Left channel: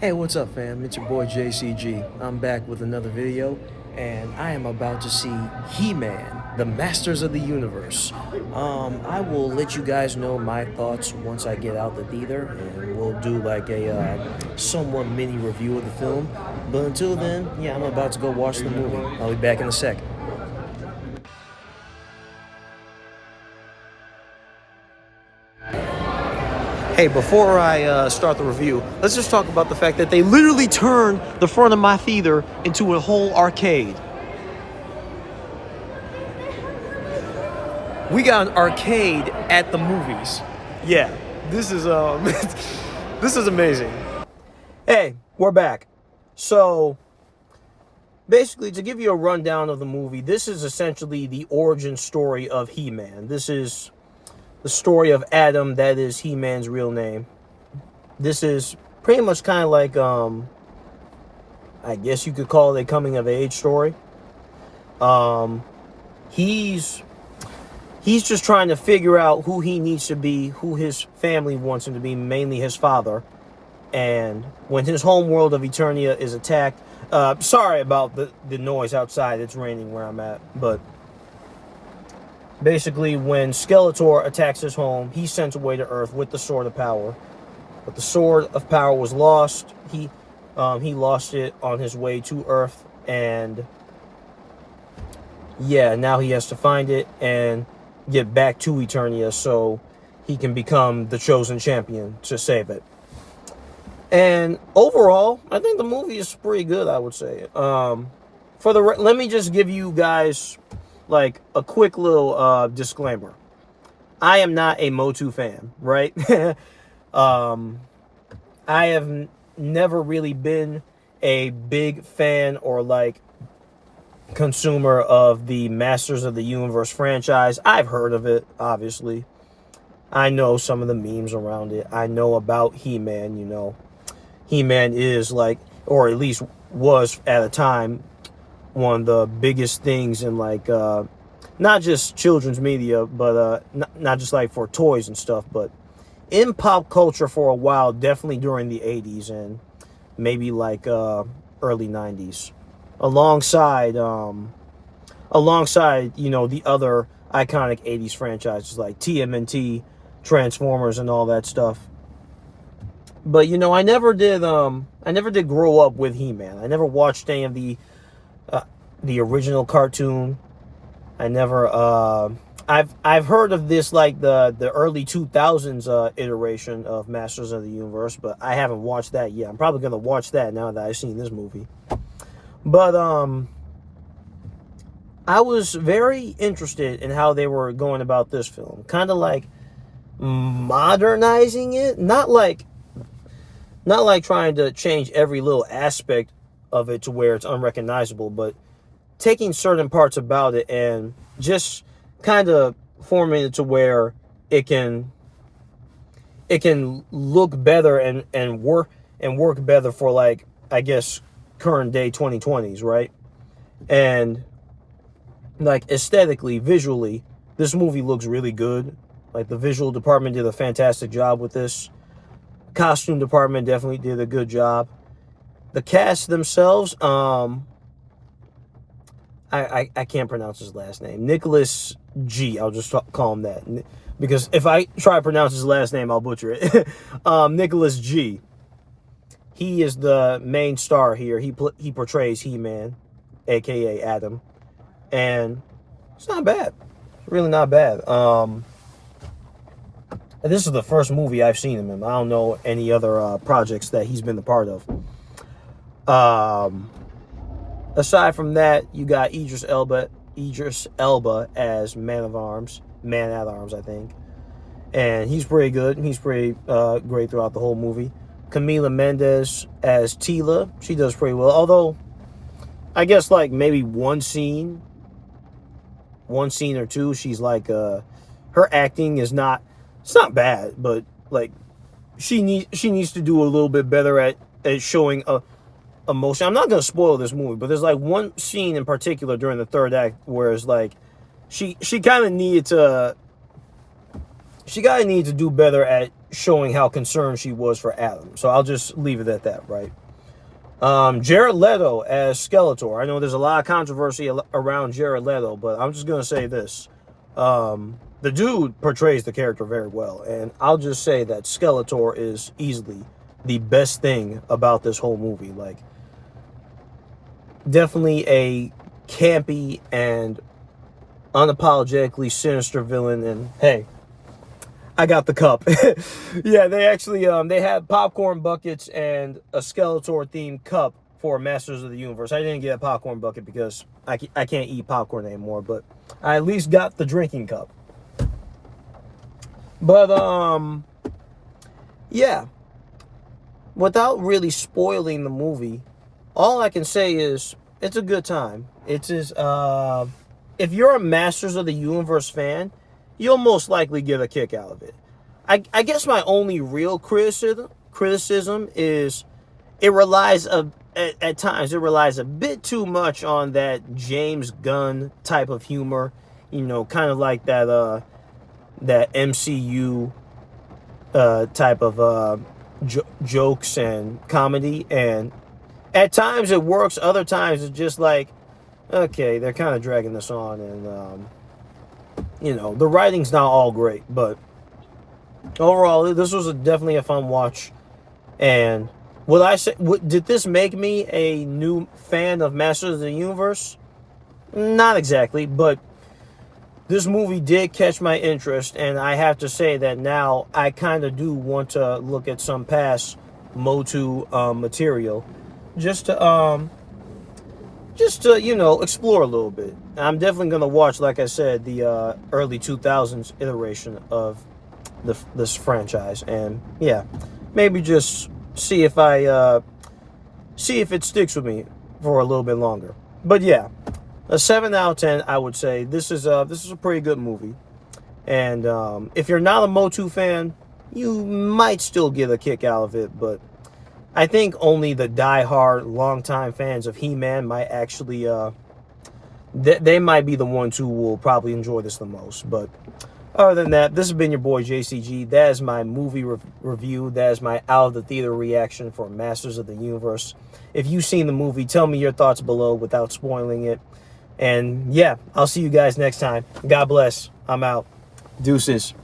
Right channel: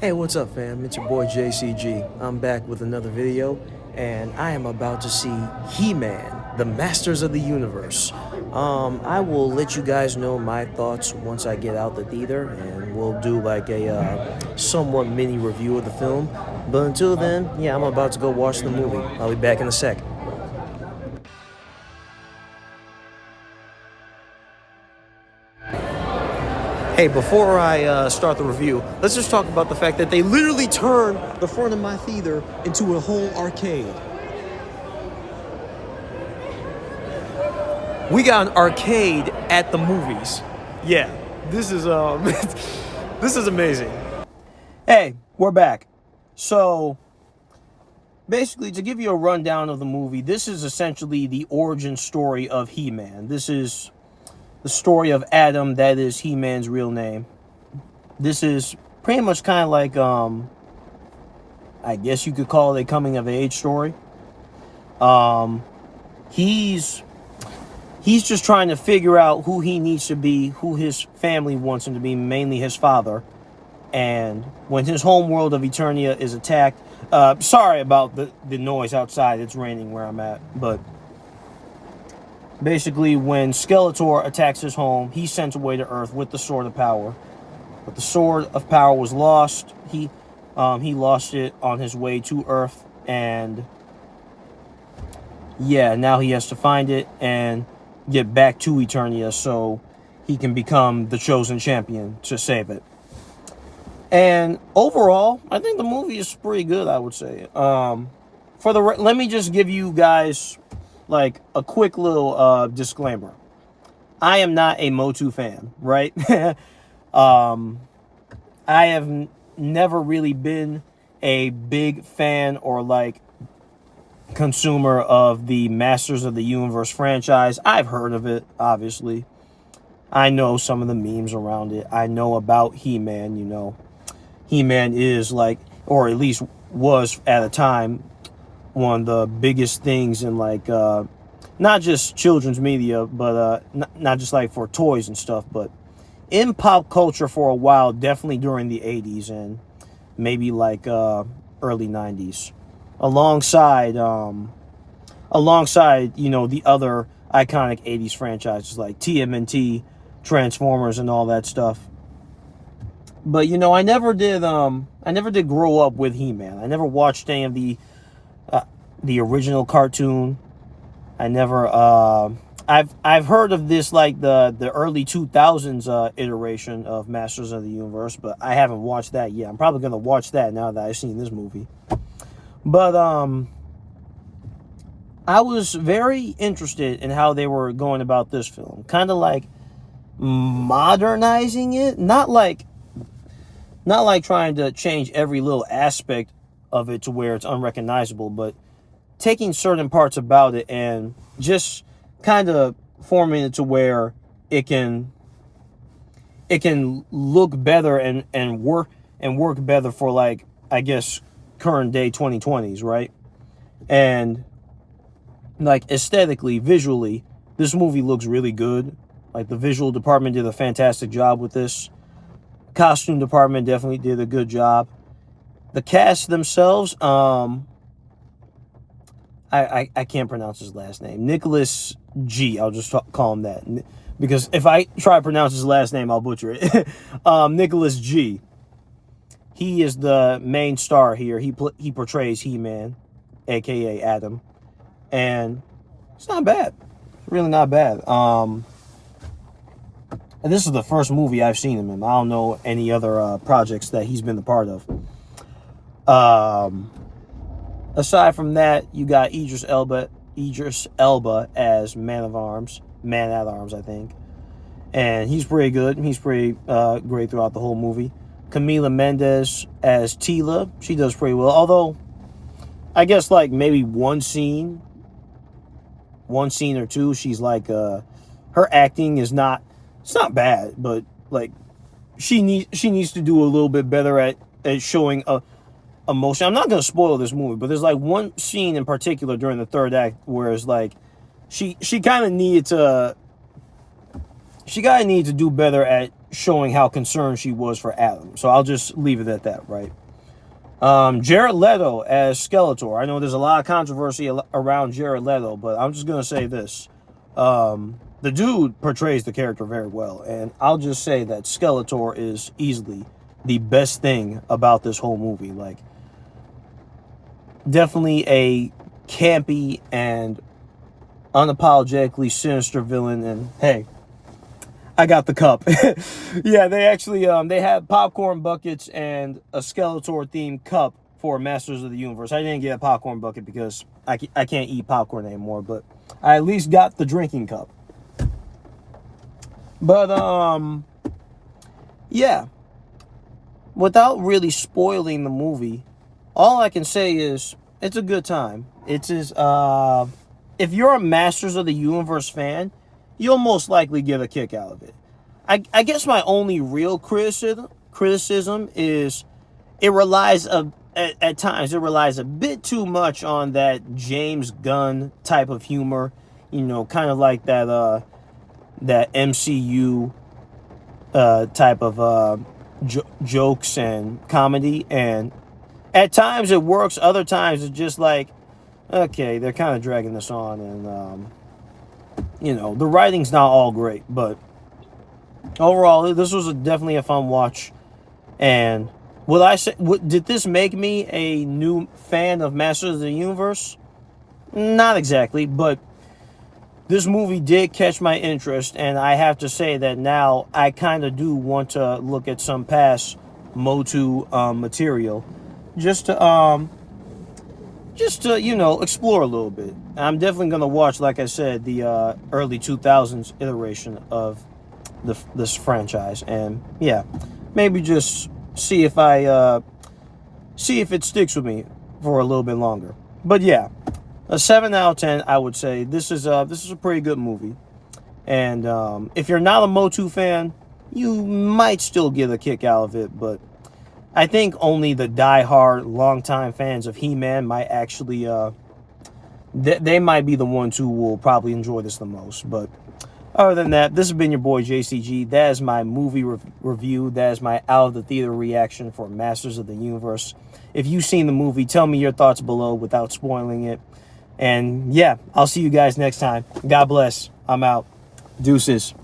Hey, what's up, fam? It's your boy JCG. I'm back with another video, and I am about to see He-Man, the Masters of the Universe. I will let you guys know my thoughts once I get out the theater, and we'll do like a somewhat mini review of the film. But until then, yeah, I'm about to go watch the movie. I'll be back in a sec. Hey, before I start the review, let's just talk about the fact that they literally turned the front of my theater into a whole arcade. We got an arcade at the movies. Yeah, this is this is amazing. Hey, we're back. So, basically, to give you a rundown of the movie, this is essentially the origin story of He-Man. This is the story of Adam, that is He-Man's real name. This is pretty much kind of like, I guess you could call it a coming-of-age story. He's just trying to figure out who he needs to be, who his family wants him to be, mainly his father. And when his home world of Eternia is attacked, sorry about the noise outside, it's raining where I'm at, but basically, when Skeletor attacks his home, he's sent away to Earth with the Sword of Power. But the Sword of Power was lost. He lost it on his way to Earth, and yeah, now he has to find it and get back to Eternia so he can become the chosen champion to save it. And overall, I think the movie is pretty good, I would say. Let me just give you guys like a quick little disclaimer. I am not a MOTU fan, right? I have never really been a big fan or like consumer of the Masters of the Universe franchise. I've heard of it, obviously. I know some of the memes around it. I know about He-Man, you know. He-Man is like, or at least was at a time, one of the biggest things in like not just children's media, but not just like for toys and stuff, but in pop culture for a while, definitely during the 80s and maybe like early 90s, alongside you know, the other iconic 80s franchises like TMNT, Transformers, and all that stuff. But you know, I never did grow up with He-Man. I never watched any of the original cartoon. I never I've heard of this, like the early 2000s iteration of Masters of the Universe, but I haven't watched that yet. I'm probably gonna watch that now that I've seen this movie. But I was very interested in how they were going about this film, kind of like modernizing it, not like trying to change every little aspect of it to where it's unrecognizable, but taking certain parts about it and just kind of forming it to where it can look better and work better for, like, I guess, current day 2020s, right? And like aesthetically, visually, this movie looks really good. Like, the visual department did a fantastic job with this. Costume department definitely did a good job. The cast themselves, I can't pronounce his last name. Nicholas G. I'll just call him that, because if I try to pronounce his last name, I'll butcher it. Nicholas G. He is the main star here. He portrays He-Man, aka Adam, and it's not bad. It's really not bad. And this is the first movie I've seen him in. I don't know any other projects that he's been a part of. Aside from that, you got Idris Elba as Man at Arms, I think. And he's pretty good. He's pretty great throughout the whole movie. Camila Mendes as Tila. She does pretty well. Although, I guess like maybe one scene or two, she's like, her acting is not, it's not bad, but like she needs to do a little bit better at showing emotion. I'm not gonna spoil this movie, but there's like one scene in particular during the third act where it's like she kind of needed to do better at showing how concerned she was for Adam. So I'll just leave it at that, right? Jared Leto as Skeletor. I know there's a lot of controversy around Jared Leto, but I'm just going to say this. The dude portrays the character very well, and I'll just say that Skeletor is easily the best thing about this whole movie. Like, definitely a campy and unapologetically sinister villain, and hey, I got the cup. Yeah, they actually they had popcorn buckets and a Skeletor themed cup for Masters of the Universe. I didn't get a popcorn bucket because I can't eat popcorn anymore, but I at least got the drinking cup. But yeah, without really spoiling the movie, all I can say is it's a good time. It's as if you're a Masters of the Universe fan, you'll most likely get a kick out of it. I guess my only real criticism is it relies at times it relies a bit too much on that James Gunn type of humor, you know, kind of like that MCU type of jokes and comedy, and at times it works, other times it's just like, okay, they're kind of dragging this on, and you know, the writing's not all great, but overall, this was definitely a fun watch. And would I say, did this make me a new fan of Masters of the Universe? Not exactly, but this movie did catch my interest, and I have to say that now I kind of do want to look at some past MOTU material, just to you know, explore a little bit. I'm definitely gonna watch, like I said, the early 2000s iteration of this franchise, and yeah, maybe just see if it sticks with me for a little bit longer. But yeah, a 7 out of 10, I would say. This is a pretty good movie, and if you're not a MOTU fan, you might still get a kick out of it, but I think only the die-hard, longtime fans of He-Man might actually, they might be the ones who will probably enjoy this the most. But other than that, this has been your boy JCG. That is my movie review. That is my out-of-the-theater reaction for Masters of the Universe. If you've seen the movie, tell me your thoughts below without spoiling it. And yeah, I'll see you guys next time. God bless. I'm out. Deuces.